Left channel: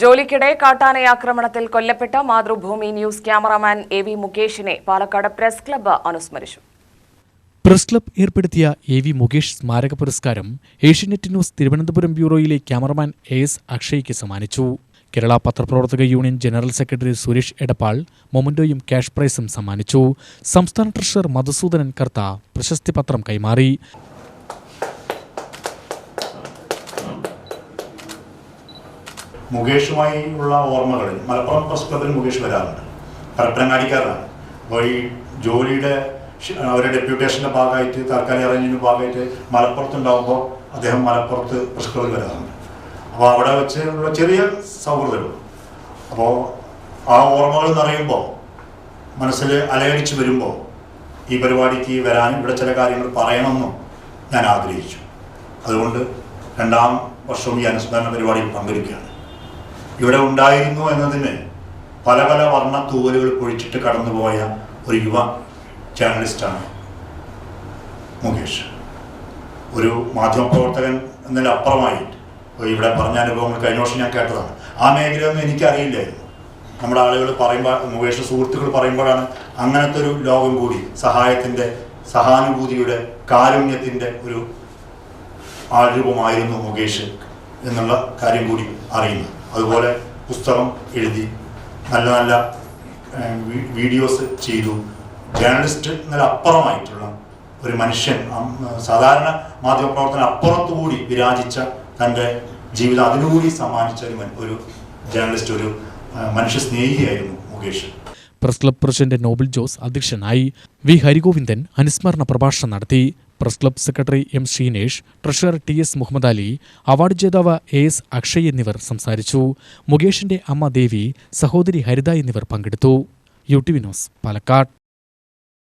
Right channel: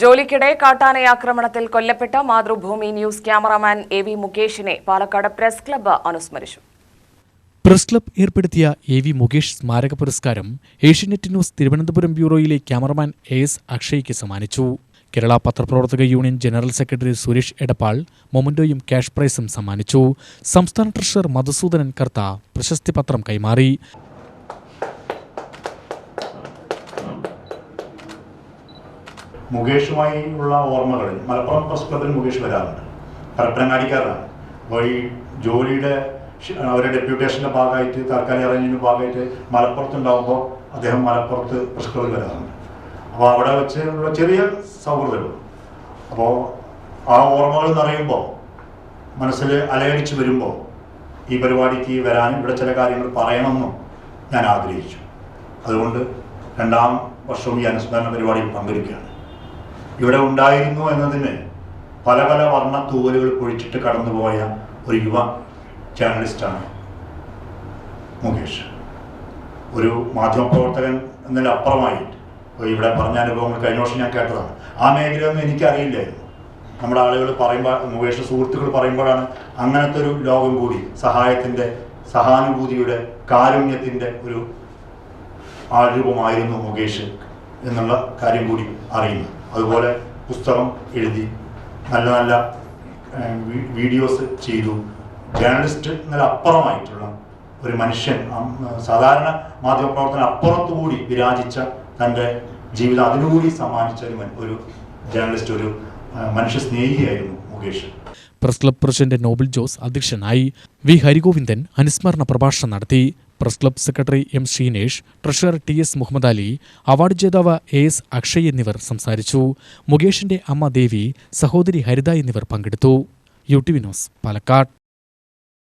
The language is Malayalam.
ജോലിക്കിടെ കാട്ടാനയാക്രമണത്തിൽ കൊല്ലപ്പെട്ട മാതൃഭൂമി ന്യൂസ് ക്യാമറാമാൻ എ.വി. മുകേഷിനെ പാലക്കാട് പ്രസ് ക്ലബ്ബ് അനുസ്മരിച്ചു. പ്രസ് ക്ലബ്ബ് ഏർപ്പെടുത്തിയ എ.വി. മുകേഷ് സ്മാരക പുരസ്കാരം ഏഷ്യനെറ്റ് ന്യൂസ് തിരുവനന്തപുരം ബ്യൂറോയിലെ ക്യാമറമാൻ എ.എസ്. അക്ഷയ്ക്ക് സമ്മാനിച്ചു. കേരള പത്രപ്രവർത്തക union general secretary Suresh Edappal മൊമന്റോയും ക്യാഷ് പ്രൈസും സമ്മാനിച്ചു. സംസ്ഥാന ട്രഷറർ മധുസൂദനൻ കർത്ത പ്രശസ്തി പത്രം കൈമാറി. മുകേഷുമായി ഉള്ള ഓർമ്മകളിൽ മലപ്പുറം പ്രസ് ക്ലബ്ബിൽ മുകേഷ് വരാറുണ്ട്. പരപ്പനങ്ങാടിക്കാരനാണ്. അപ്പോൾ ഈ ജോലിയുടെ അവരുടെ ഡെപ്യൂട്ടേഷൻ്റെ ഭാഗമായിട്ട് താൽക്കാലിക അറേഞ്ച്മെൻറ്റിൻ്റെ ഭാഗമായിട്ട് മലപ്പുറത്തുണ്ടാകുമ്പോൾ അദ്ദേഹം മലപ്പുറത്ത് പ്രസ് ക്ലബ്ബിൽ വരാറുണ്ട്. അപ്പോൾ അവിടെ വെച്ച് ഉള്ള ചെറിയ സൗഹൃദങ്ങൾ. അപ്പോൾ ആ ഓർമ്മകൾ എന്നറിയുമ്പോൾ മനസ്സിൽ അലയടിച്ച് വരുമ്പോൾ ഈ പരിപാടിക്ക് വരാനും ഇവിടെ ചില കാര്യങ്ങൾ പറയണമെന്നും ഞാൻ ആഗ്രഹിച്ചു. അതുകൊണ്ട് 2ാം വർഷവും ഈ അനുസ്മരണ പരിപാടിയിൽ പങ്കെടുക്കുകയാണ്. ഇവിടെ ഉണ്ടായിരുന്നു എന്നതിന് പല പല വർണ്ണ തൂവലുകൾ പൊഴിച്ചിട്ട് കടന്നുപോയ ഒരു യുവ ജേർണലിസ്റ്റാണ് മുകേഷ്. ഒരു മാധ്യമപ്രവർത്തകൻ എന്നതിലപ്പുറമായിട്ട് ഇവിടെ പറഞ്ഞ അനുഭവങ്ങൾ കഴിഞ്ഞ വർഷം ഞാൻ കേട്ടതാണ്. ആ മേഖലയൊന്നും എനിക്കറിയില്ലായിരുന്നു. നമ്മുടെ ആളുകൾ പറയുമ്പോൾ, മുകേഷ് സുഹൃത്തുക്കൾ പറയുമ്പോഴാണ് അങ്ങനത്തെ ഒരു ലോകം കൂടി, സഹായത്തിൻ്റെ, സഹാനുഭൂതിയുടെ, കാരുണ്യത്തിൻ്റെ ഒരു ആൾരൂപമായിരുന്നു മുകേഷ് എന്നുള്ള കാര്യം കൂടി അറിയുന്നു. അതുപോലെ പുസ്തകം എഴുതി, നല്ല നല്ല വീഡിയോസ് ചെയ്തു. ജേർണലിസ്റ്റ് എന്നതിലപ്പുറമായിട്ടുള്ള ഒരു മനുഷ്യൻ, സാധാരണ മാധ്യമപ്രവർത്തനം അപ്പുറത്തുകൂടി വിരാജിച്ച തൻ്റെ ജീവിതം അതിനുകൂടി സമ്മാനിച്ച ഒരു ജേർണലിസ്റ്റ്, ഒരു മനുഷ്യ സ്നേഹിയായിരുന്നു Mukesh. Press club president Noble Jose അധ്യക്ഷനായി. വി. ഹരിഗോവിന്ദൻ അനുസ്മരണ പ്രഭാഷണം നടത്തി. Press club secretary M. Sreenesh, treasurer T S. Muhammad Ali, award ജേതാവ് എ.എസ്. അക്ഷയ് എന്നിവർ സംസാരിച്ചു. മുകേഷിന്റെ അമ്മ ദേവി, സഹോദരി ഹരിത എന്നിവർ പങ്കെടുത്തു. യു.ടി.വി ന്യൂസ്, പാലക്കാട്.